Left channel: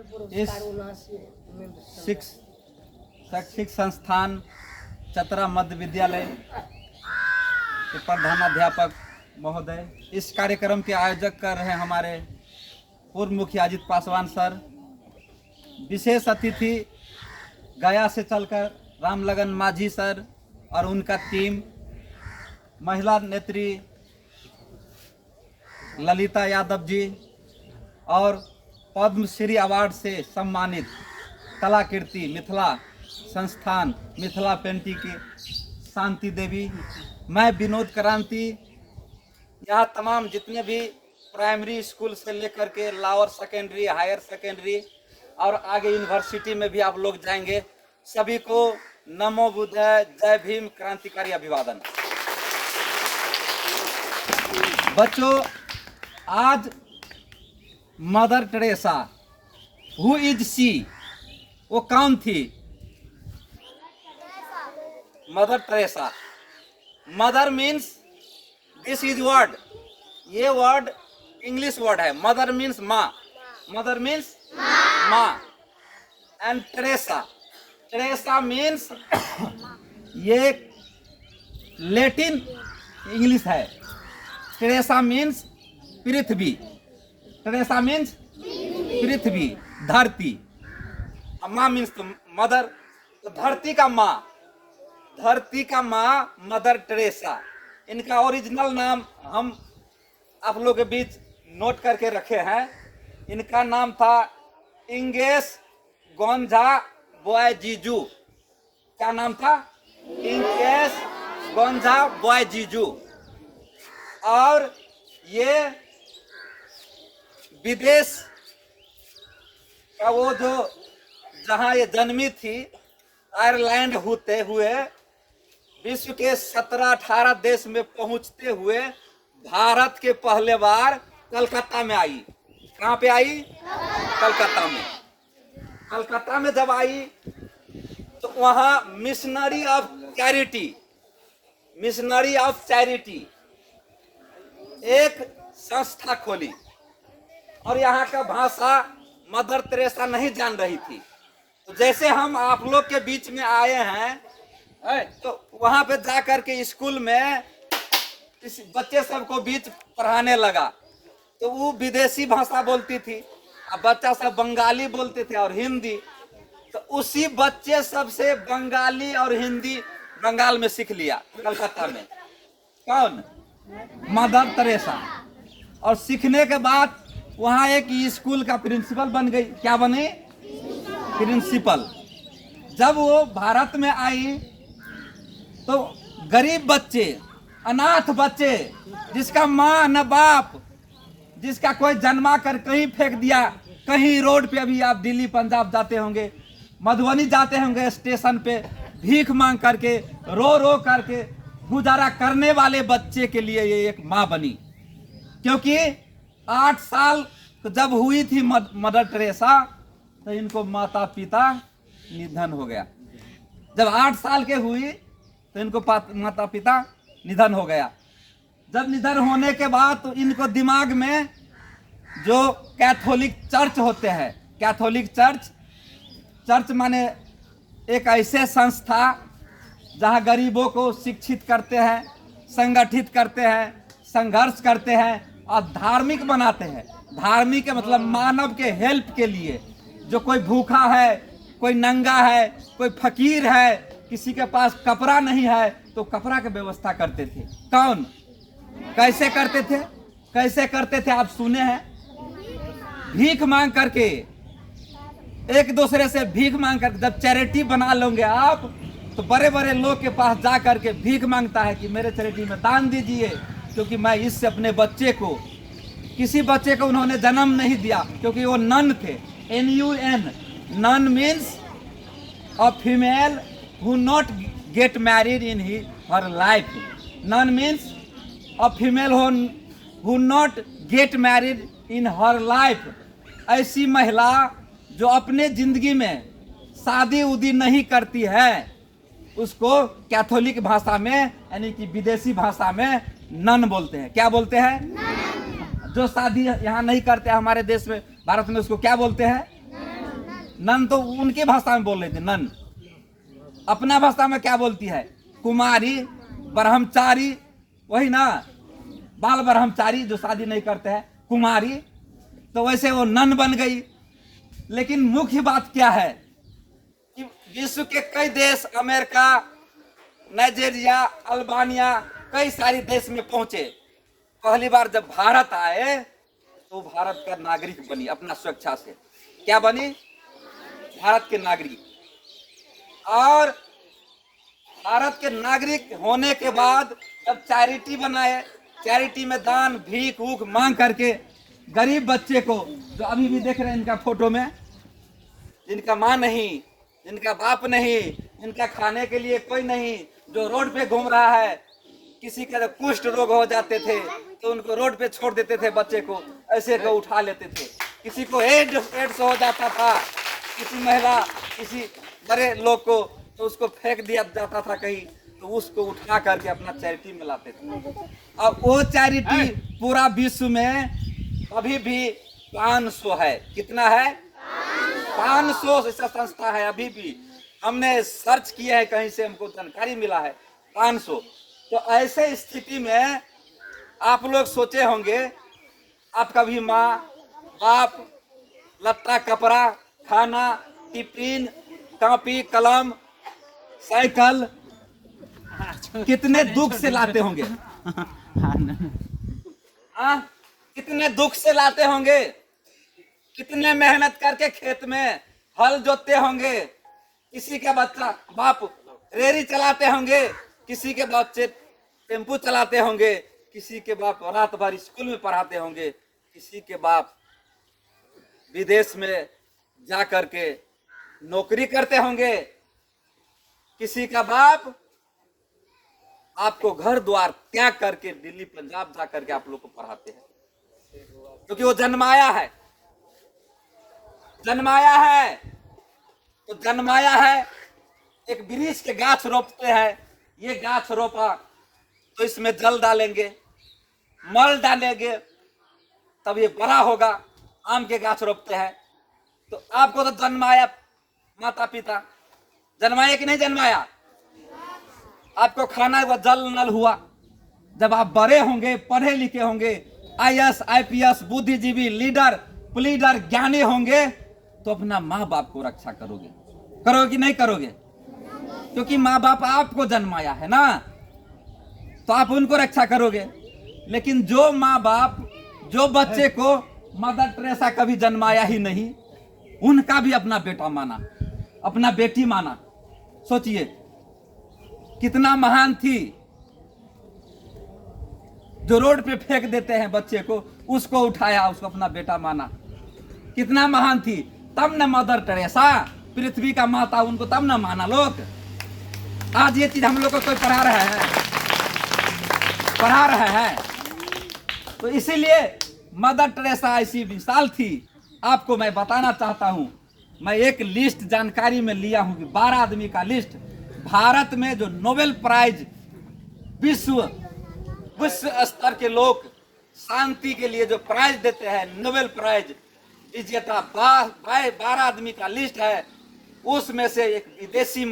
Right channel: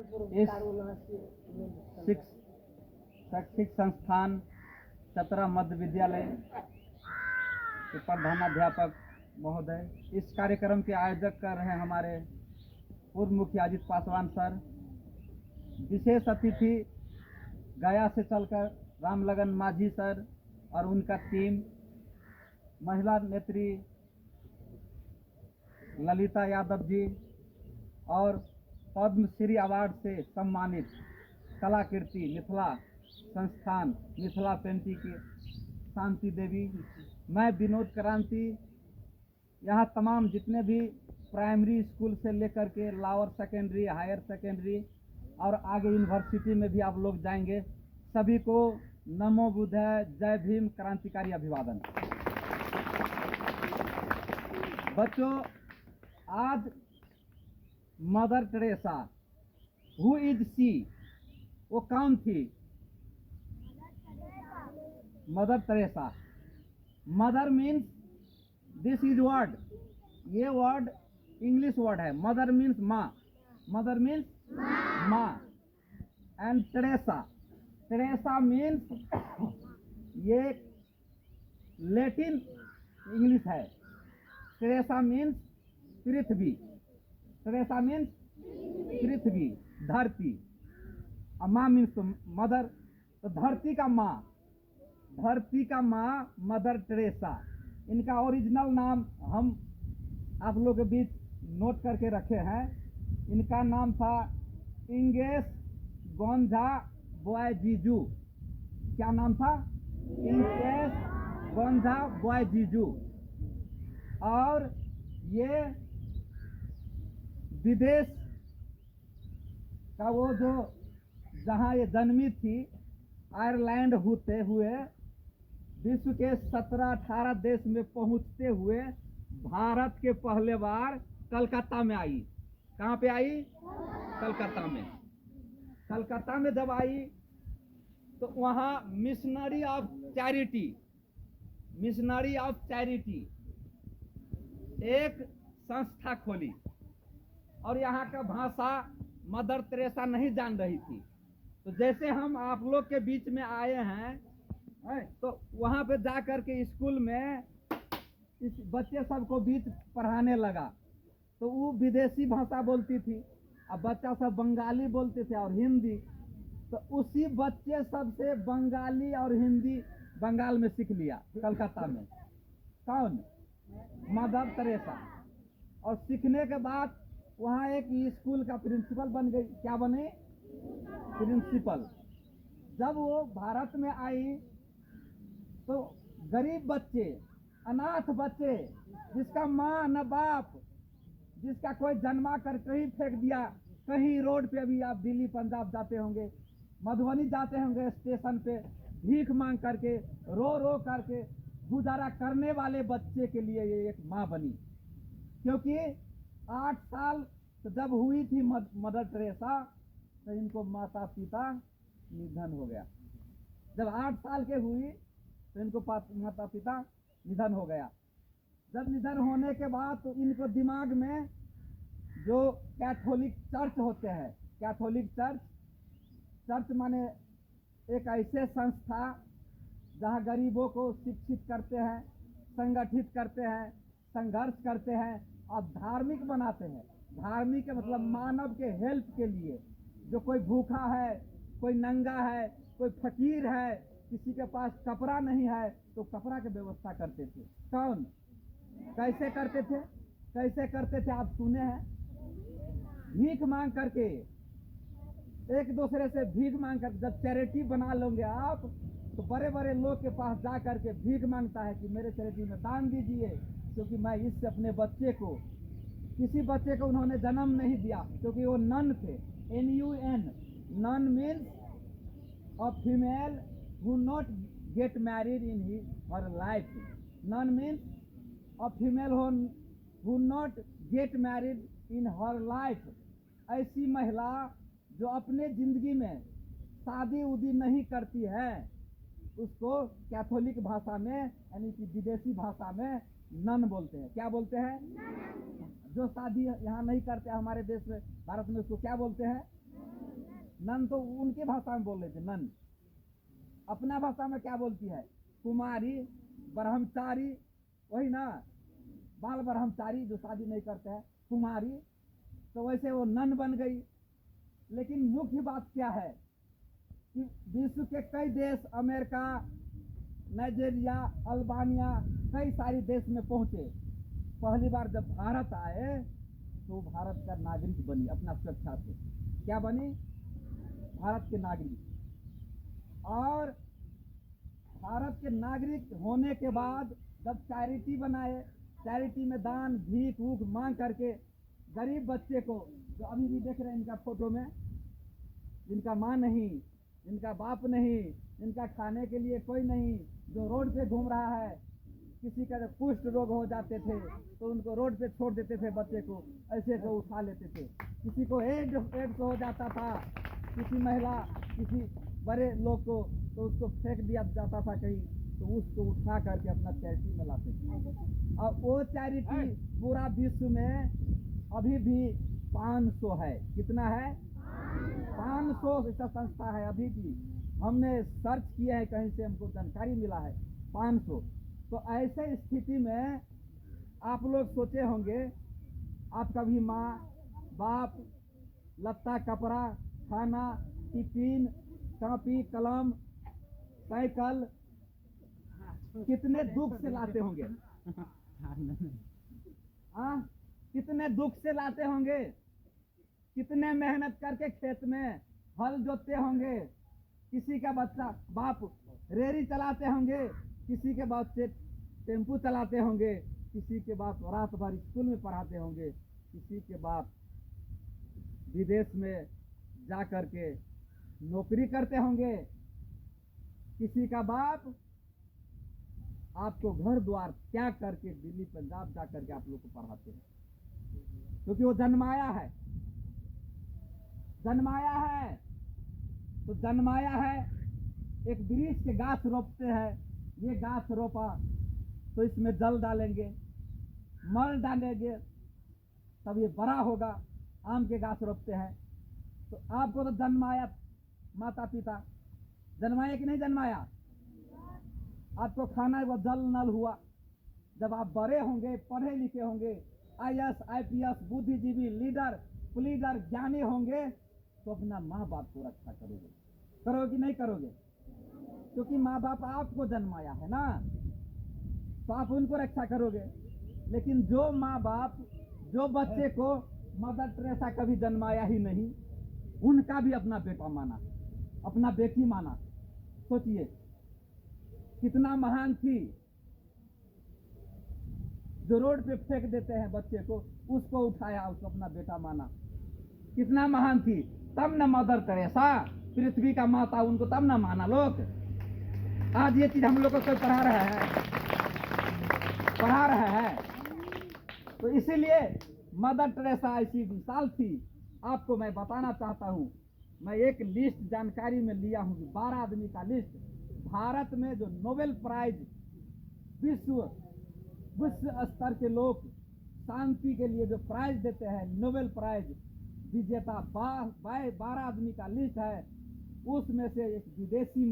इस शैक्षिक संस्थान चतरा मध्य विद्यालय के प्रधानाध्यापक महोदय, इस कार्यक्रम के आयोजक कर रहे हैं हमारे पूर्व मुखिया अजित पासवान सर। विशेष अतिथि गया से चलकर रामलगन माझी सर और उनका टीम, महिला नेत्री ललिता यादव जी और पद्मश्री अवार्ड से सम्मानित कलाकृति मिथिला संस्थान मिथिला पेंटिंग की शांति देवी, मैं विनोद क्रांति, यहाँ तमाम जितने भी प्राइमरी स्कूल से लेकर के लोअर सेकेंडरी, हायर सेकेंडरी और आगे यूनिवर्सिटी में भी आप लोग जाएंगे, सभी को नमो बुद्धाय, जय भीम, क्रांतिकारी अभिवादन। बच्चों, आज mother Teresa, who is she, वो कौन थी? Mother Teresa. Mother means this is word, ये वर्ड इंग्लिश वर्ड है। मदर मीन्स माँ, मदर मीन्स माँ। एंड टेरेसा, टेरेसा मीन्स ये लैटिन इंग्लिश है। टेरेसा मीन्स पृथ्वी, टेरेसा मीन्स पृथ्वी, धरती। माँ मीन्स तो मदर, तो धरती का माँ, धरती का माँ मदर टेरेसा। इनका ओरिजिनल नाम हम आप लोगों के बीच नोट करके रखे हैं। इनका नाम था इंगेस गोंझा बोएजीजू। क्या नाम था? इंगेस गोंझा बोएजीजू। और ये विदेश का वो जो जहाँ ये जन्मी थी, आयरलैंड होते हुए विश्व के 17-18 देश में पहुंचते हुए भारत के पहले बार कलकत्ता में आई। कहाँ पे आई? कलकत्ता में। कलकत्ता में जब आई तो वहाँ missionary of charity, missionary of charity एक संस्था खोली। और यहाँ का भाषा मदर टेरेसा नहीं जान रही थी। तो जैसे हम आप लोग के बीच में आए हैं, तो वहाँ पे जा कर के स्कूल में इस बच्चे सबको बीच पढ़ाने लगा। तो वो विदेशी भाषा बोलती थी, अब बच्चा सब बंगाली बोलते थे और हिंदी। तो उसी बच्चे सब से बंगाली और हिंदी बंगाल में सीख लिया, कलकत्ता में। कौन? Mother Teresa. और सीखने के बाद वहाँ एक स्कूल का प्रिंसिपल बन गई। क्या बनी? प्रिंसिपल। जब वो भारत में आई तो गरीब बच्चे, अनाथ बच्चे, जिसका माँ न बाप, जिसका कोई जन्मा कर कहीं फेंक दिया, कहीं रोड पे, अभी आप दिल्ली पंजाब जाते होंगे, मधुबनी जाते होंगे, स्टेशन पे भीख मांग करके, रो रो करके गुजारा करने वाले बच्चे के लिए ये एक माँ बनी। क्योंकि 8 साल जब हुई थी मदर टेरेसा, तो इनको माता पिता निधन हो गया। जब 8 साल के हुई तो इनको माता पिता निधन हो गया। जब निधन होने के बाद तो इनको दिमाग में जो कैथोलिक चर्च होते हैं, कैथोलिक चर्च, चर्च माने एक ऐसे संस्था जहां गरीबों को शिक्षित करते हैं, संगठित करते हैं, संघर्ष करते हैं और धार्मिक बनाते हैं। धार्मिक के मतलब मानव के हेल्प के लिए, जो कोई भूखा है, कोई नंगा है, कोई फकीर है, किसी के पास कपड़ा नहीं है, तो कपड़ा की व्यवस्था करते थे। कौन? कैसे करते थे? कैसे करते थे आप सुने हैं? भीख मांग करके, एक दूसरे से भीख मांग कर। जब चैरिटी बना लोगे आप, तो बड़े बड़े लोग के पास जा करके भीख मांगता है कि मेरे चैरिटी में दान दीजिए, क्योंकि मैं इससे अपने बच्चे को, किसी बच्चे को उन्होंने जन्म नहीं दिया, क्योंकि वो नन थे। NUN, nun means a female who not get married in her life. Nun means a female who not get married in her life. ऐसी महिला जो अपने जिंदगी में शादी उदी नहीं करती है, उसको कैथोलिक भाषा में, यानी कि विदेशी भाषा में नन बोलते हैं। क्या बोलते हैं? जो शादी यहाँ नहीं करते हमारे देश में, भारत में, उसको क्या बोलते हैं? नन तो उनकी भाषा में बोल रही थी, नन। अपना भाषा में क्या बोलती है? कुमारी, ब्रह्मचारी, वही ना, बाल ब्रह्मचारी जो शादी नहीं करते हैं, कुमारी। तो वैसे वो नन बन गई। लेकिन मुख्य बात क्या है कि विश्व के कई देश, अमेरिका, नाइजीरिया, अल्बानिया, कई सारे देश में पहुंचे। पहली बार जब भारत आए तो भारत का नागरिक बनी अपना स्वेच्छा से। क्या बनी? भारत के नागरिक। और भारत के नागरिक होने के बाद जब चैरिटी बनाए, चैरिटी में दान, भीख ऊख मांग करके गरीब बच्चे को, जो अभी भी देख रहे हैं इनका फोटो में, जिनका माँ नहीं, जिनका बाप नहीं, इनका खाने के लिए कोई नहीं, जो रोड पे घूम रहा है, किसी का कुष्ठ रोग हो जाते थे तो उनको रोड पे छोड़ देते थे, बच्चे को ऐसे को उठा लेते थे। किसी को एड्स हो जाता था, किसी महिला, किसी बड़े लोग को, तो उसको फेंक दिया जाता था कहीं, तो उसको उठा करके अपना चैरिटी में लाते थे। अब वो चैरिटी पूरा विश्व में अभी भी 500 है। कितना है? 500 ऐसा संस्था है अभी भी। हमने सर्च किया है, कहीं से हमको जानकारी मिला है 500। तो ऐसे स्थिति में आप लोग सोचे होंगे, आपका भी माँ बाप, लत्ता कपड़ा, खाना, टिफिन, कॉपी, कलम, साइकिल कितने दुख से लाते होंगे। हाँ, कितने दुख से लाते होंगे, कितने मेहनत करके खेत में हल जोतते होंगे। किसी का बच्चा बाप रेरी चलाते होंगे, किसी के बच्चे टेम्पू चलाते होंगे, किसी के बाप रात भर स्कूल में पढ़ाते होंगे, किसी के बाप विदेश में जा करके नौकरी करते होंगे, किसी का बाप आपको घर द्वार त्याग करके दिल्ली पंजाब जा करके आप लोग को पढ़ाते हैं, क्योंकि वो जन्माया है। जन्माया है तो जन्माया है। एक वृक्ष के गाछ रोपते हैं, ये गाछ रोपा तो इसमें जल डालेंगे, मल डालेंगे, तब ये बड़ा होगा। आम के गाछ रोपते हैं तो आपको तो जन्माया माता पिता, जन्माया कि नहीं जन्माया? आपको खाना व जल नल हुआ। जब आप बड़े होंगे, पढ़े लिखे होंगे, IAS IPS बुद्धिजीवी, लीडर, प्लीडर, ज्ञानी होंगे, तो अपना माँ बाप को रक्षा करोगे। करोगे कि नहीं करोगे? क्योंकि माँ बाप आपको जन्माया है ना, तो आप उनको रक्षा करोगे। लेकिन जो माँ बाप, जो बच्चे को मदर टेरेसा कभी जन्माया ही नहीं, उनका भी अपना बेटा माना, अपना बेटी माना। सोचिए कितना महान थी। जो रोड पे फेंक देते हैं बच्चे को, उसको उठाया, उसको अपना बेटा माना। कितना महान थी। तब न मदर टेरेसा, पृथ्वी का माता, उनको तब न माना लोग। आज ये चीज हम लोग को कोई पढ़ा रहा है? पढ़ा रहा है? तो इसीलिए मदर टेरेसा ऐसी विशाल थी। आपको मैं बताना चाहता हूं, मैं एक लिस्ट जानकारी में लिया हूं कि 12 आदमी का लिस्ट। भारत में जो नोबेल प्राइज, विश्व स्तर के लोग शांति के लिए जो प्राइज देते हैं, नोबेल प्राइज विजेता 12 आदमी का लिस्ट है। उसमें से एक विदेशी